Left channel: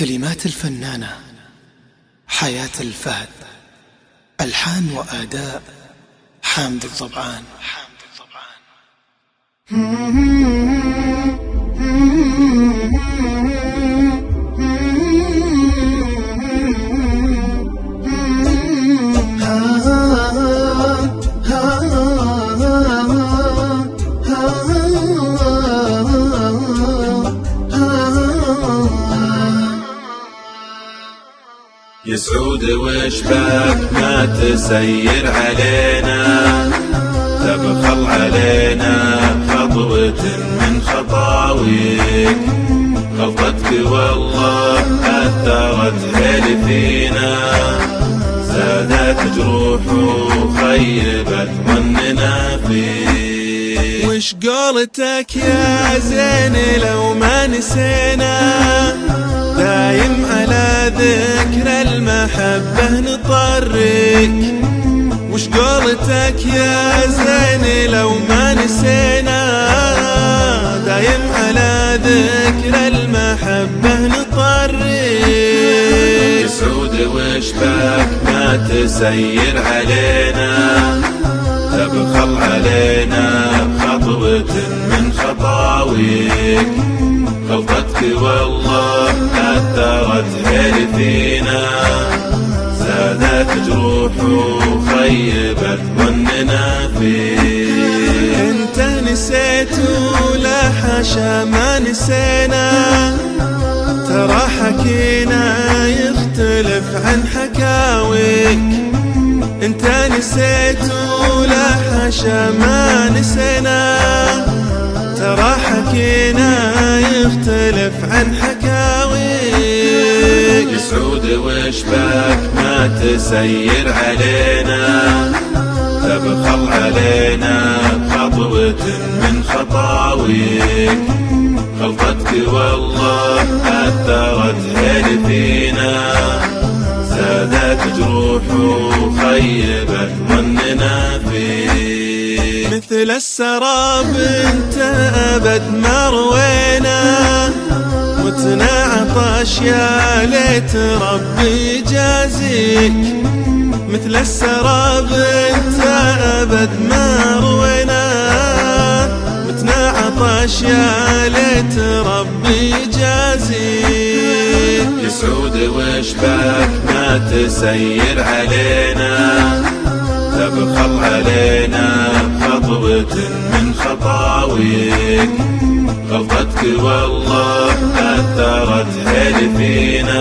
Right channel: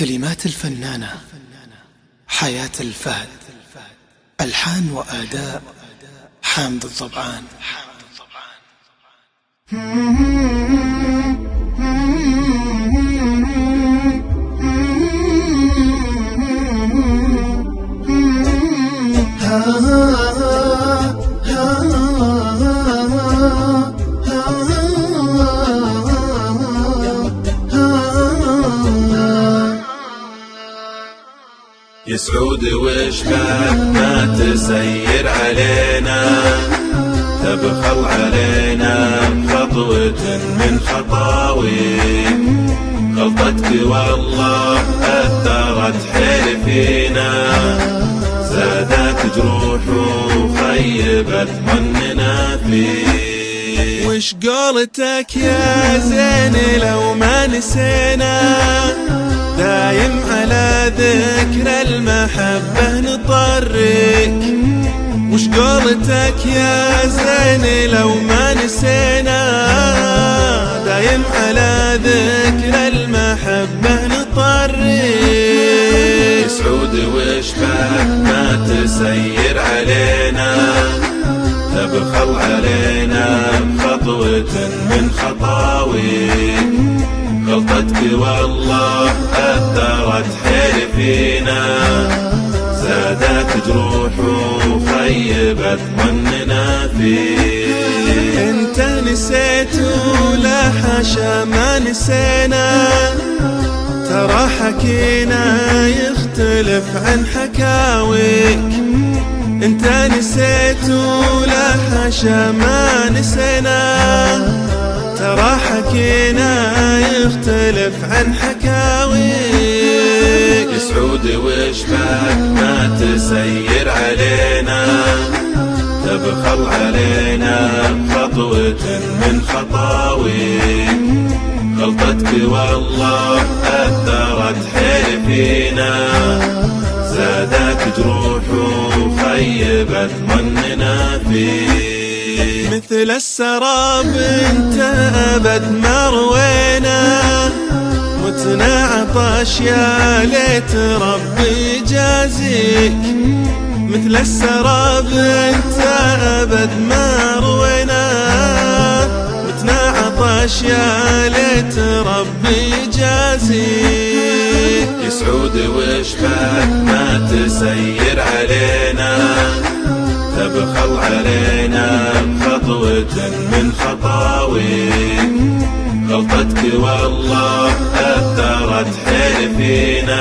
كلمات الفنانة حياة الفهد، ألحان وأداء حامد الضبعان. يسعود واشباك ما تسير علينا، تبخل علينا خطوة من خطاويك. غلطتك والله أثرت حلفينا، زادت جروح وخيبت ظننا فيك. وش قولتك يا زين لو ما نسينا، دايم على ذكر المحبة نطرك. وش قولتك يا زين لو ما نسينا، دايم على ذكر المحبة نطرك. سعود واشباك ما تسير علينا، تبخل علينا خطوة من خطاويك. غلطتك والله أثرت حلفينا، زادت جروح وخيبت ظننا فيك. انت نسيت ولا حاشا ما نسينا، ترى حكينا يختلف عن حكاويك. انت نسيت ولا حاشا ما نسينا، ترى حكينا يختلف عن حكاويك. سعود واشباك ما تسير علينا، تبخل علينا خطوة من خطاويك. غلطتك والله أثرت حلفينا، زادت جروح وخيبت ظننا فيك. مثل السراب انت أبد ما روينا، متنا عطش يا ليت ربي يجازيك. مثل السراب انت أبد ما روينا، متنا عطش يا ليت ربي يجازيك. يسعود واشباك ما تسير علينا، تبخل علينا خطوة من خطاويك. غلطتك والله أثرت حلفينا،